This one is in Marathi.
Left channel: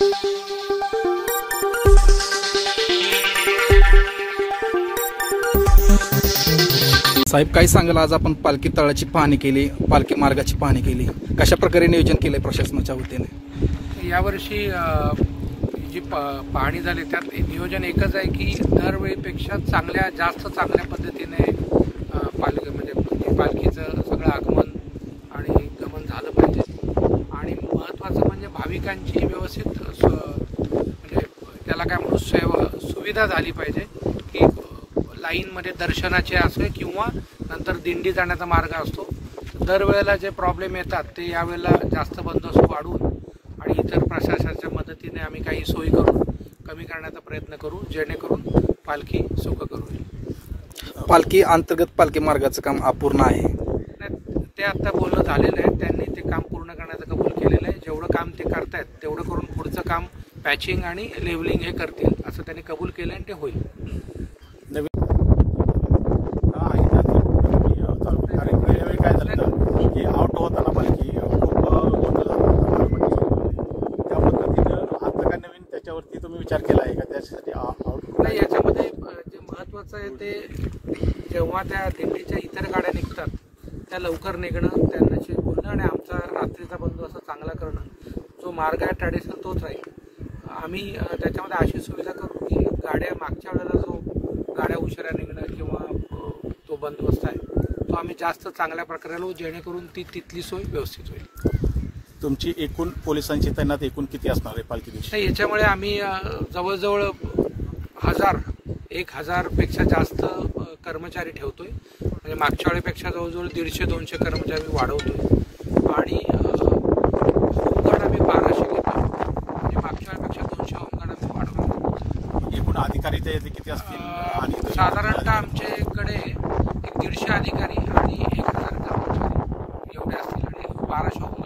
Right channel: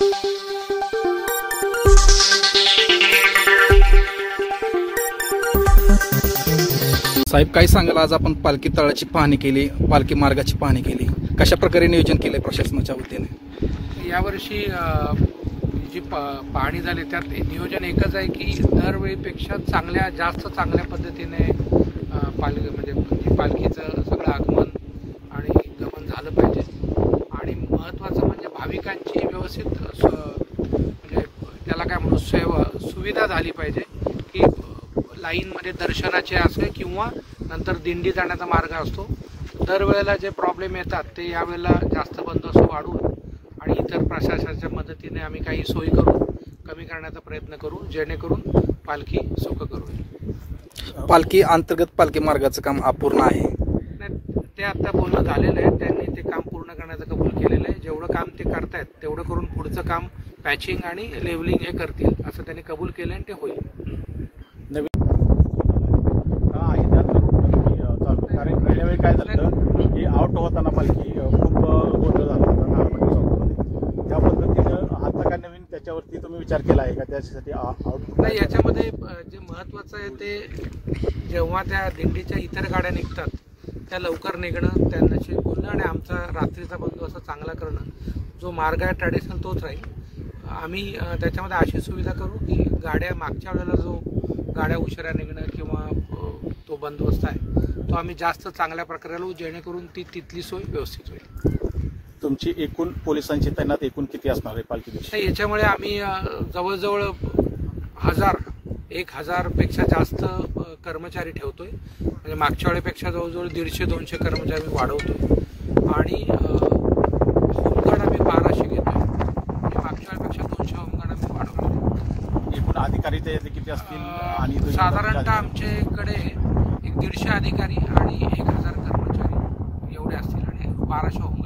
साहेब काय सांगाल, आज आपण पालखी तळाची पाहणी केली, पालखी मार्गाची पाहणी केली, कशा प्रकारे नियोजन केले प्रशासनाच्या वतीने? यावर्षी जी पाहणी झाली त्यात नियोजन एकच आहे की दरवेळीपेक्षा जास्त चांगल्या पद्धतीने पालखीचं सगळं आगमन आणि गमन झालं पाहिजे। आणि महत्त्वाचं म्हणजे भाविकांची व्यवस्थित म्हणजे त्याला काय म्हणू सुविधा झाली पाहिजे की लाईनमध्ये दर्शनाचे असे किंवा नंतर दिंडी जाण्याचा मार्ग असतो। दरवेळेला जे प्रॉब्लेम येतात ते यावेळेला जास्त बंदोबस्त वाढवून आणि इतर प्रशासनाच्या मदतीने आम्ही काही सोयी करून कमी करण्याचा प्रयत्न करू, जेणेकरून पालखी सुखकर होईल। पालखी अंतर्गत पालखी मार्गाचं काम अपूर्ण आहे, ते आता बोलणं झालेलं आहे, त्यांनी ते काम पूर्ण करण्याचं कबूल केलेलं आहे। जेवढं काम ते करतायत तेवढं करून पुढचं काम पॅचिंग आणि लेवलिंग हे करतील असं त्यांनी कबूल केलं आणि ते होईल। विचार केला आहे का त्यासाठी? नाही, याच्यामध्ये जे महत्त्वाचं आहे ते जेव्हा त्या दिंडीच्या इतर गाड्या निघतात त्या लवकर निघणं, त्यांच्याशी बोलणं आणि आमचा रात्रीचा बंदोबस्त चांगला करणं। जो मार्ग आहे ट्रॅडिशनल तोच राहील। आम्ही त्याच्यामध्ये अशी सुविधा करू की गाड्या मागच्या वेळेला जो गाड्या उशिरा निघणं किंवा तो बंदोबस्त आहे तो आम्ही जास्त चांगल्या प्रकारे लावू, जेणेकरून तिथली सोय व्यवस्थित होईल। तुमची एकूण पोलिसांची तैनात एकूण किती असणार आहे पालखी दिवशी? याच्यामुळे आम्ही जवळजवळ 1000 पेक्षा जास्त कर्मचारी ठेवतोय, म्हणजे मागच्या वेळेपेक्षा जवळजवळ 150-200 कर्मचारी वाढवतोय आणि होमगार्ड आम्ही 1200 घेतोय, म्हणजे मागच्या वेळेपेक्षा 200 होमगार्ड आम्ही वाढवतो। एकूण अधिकारी किती असतील? आणि साधारणतः आमच्याकडे 150 अधिकारी आणि 1000 कर्मचारी एवढे असतील आणि 1200 होमगार्ड।